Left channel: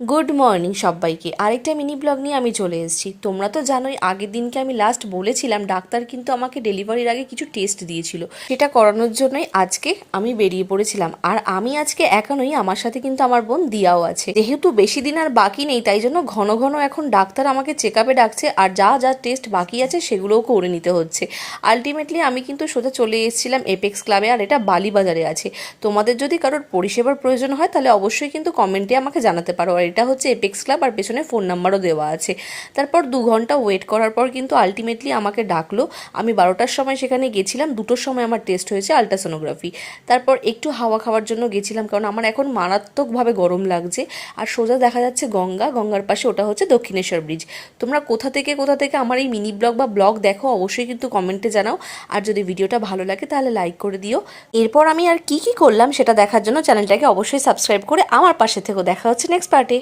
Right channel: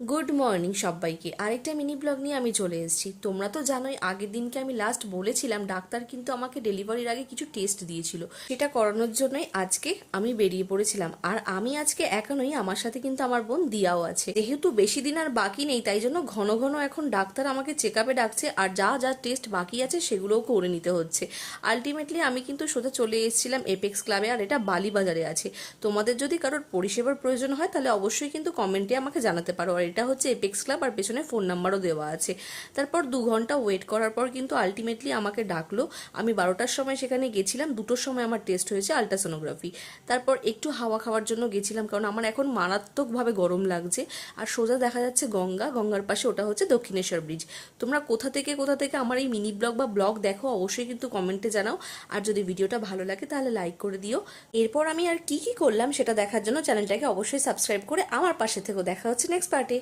Good morning সবাইকে। আরেকটা mini blog নিয়ে আমি চলে এসেছি। তোমরা তো জানোই আগের দিনকে আমি লাস্ট বলেছিলাম ডাক্তার কিন্তু আমাকে ডেলিভারির আগে কিছু টেস্ট দিয়েছিল, সেটা করানোর জন্যই আজকে আমি বেরিয়ে পড়েছিলাম। আর আমি আজকে একা নই, আমার সাথে কিন্তু আমার বোন দিয়াও আছে। যেহেতু বেশি দিন আর বাকি নেই, তাই জন্য ঘন ঘন এখন ডাক্তার আমাকে চেক আপে ডাকছে, আর যা যা টেস্ট বাকি আছে সেগুলোও করে নিতে হচ্ছে। আলটিমেটলি আমি কিন্তু সোজা চলে এসেছিলাম এপেক্স ক্লাবে, আর এটা বালিবাজারে আছে। তোমাদের যদি কারোর পরিষেবার প্রয়োজন হয় তাহলে অবশ্যই কিন্তু কমেন্টে আমাকে জানাতে পারো। আর এটা হচ্ছে এপেক্স ক্লাব, আর পেছনে ফোন নাম্বারও দেওয়া আছে। তারপর 2 ঘন্টা ওয়েট করার পর কিন্তু আলটিমেটলি আমাকে ডাকলো। আমি 12টার সময় সেখানে গেছিলাম, 2টোর সময় আমার টেস্ট হয়েছে আলট্রাসোনোগ্রাফি। তারপর একটু হাওয়া খাওয়ার জন্য গেছিলাম, কারণ আমার এখন মারাত্মকভাবে গরম লাগছে। আর সোজা দেখা যাচ্ছে গঙ্গার পাশে ওটা হচ্ছে দক্ষিণেশ্বর ব্রিজ। তোমরা কোথা থেকে আমার এই মিনি ব্লগ বা ব্লগ দেখো অবশ্যই কিন্তু কমেন্টে জানাও। আর যদি ভিডিওটা ভালো লাগে তাহলে লাইক করে দিও। এরপর আমি আর কি করলাম সেটা দেখার জন্য চ্যানেলটাকে অবশ্যই সাবস্ক্রাইব করে আমার পাশে থেকেও। দেখা হচ্ছে নেক্সট পার্টে।